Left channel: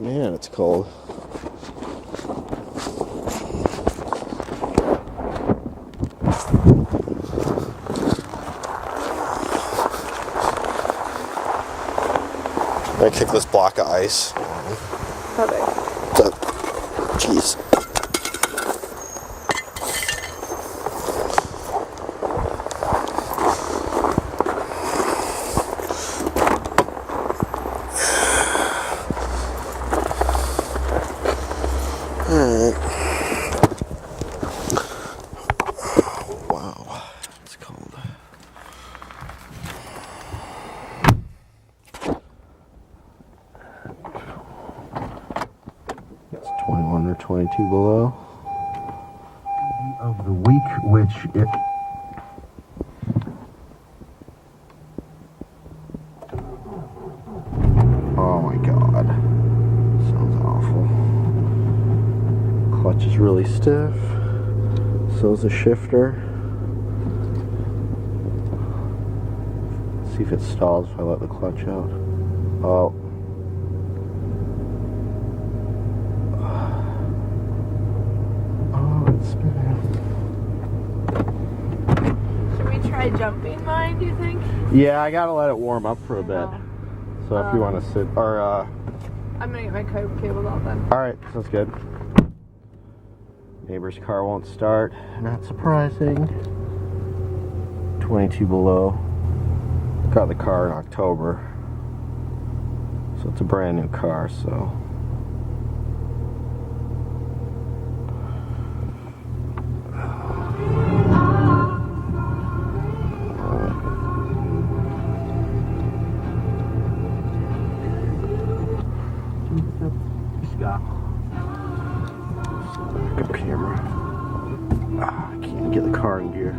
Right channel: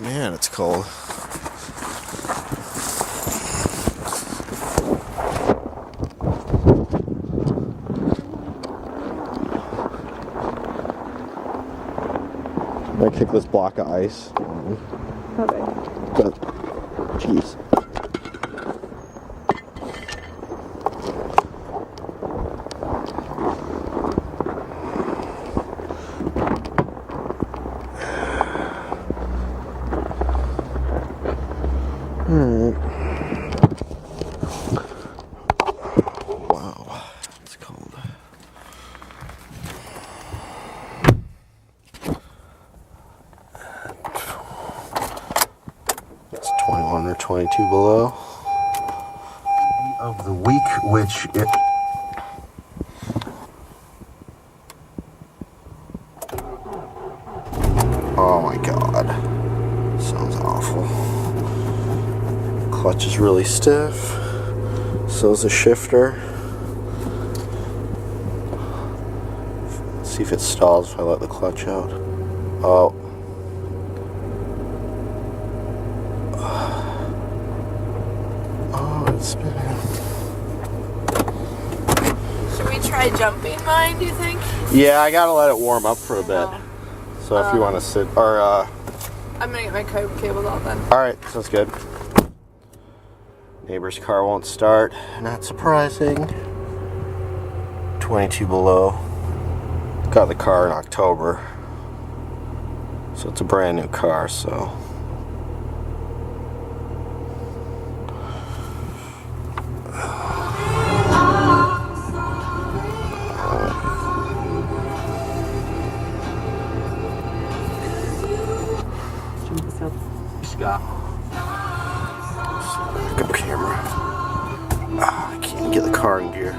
Man, it's cold. I'm gonna kick this block of ice. How big? Jeez. Alright. Wow, it's cold. It's 21 or 22 below. Of the week, which it Oh my god. Sounds awful. Clutch is really stiff. So is the shifter. See if it stalls if I let the clutch out. Oh. Oh, it's spinning. Should we try jumping mine, do you think? Yeah, I gotta let it warm up for a bit. So if you want to sit, or I'm gonna get my cables out then. alright, sounds good. Neighbor's car won't start. Not surprising. 22 below. Got the car in October. So it's a brand new car, so. Scott. Backup camera. I can't get the car in gear.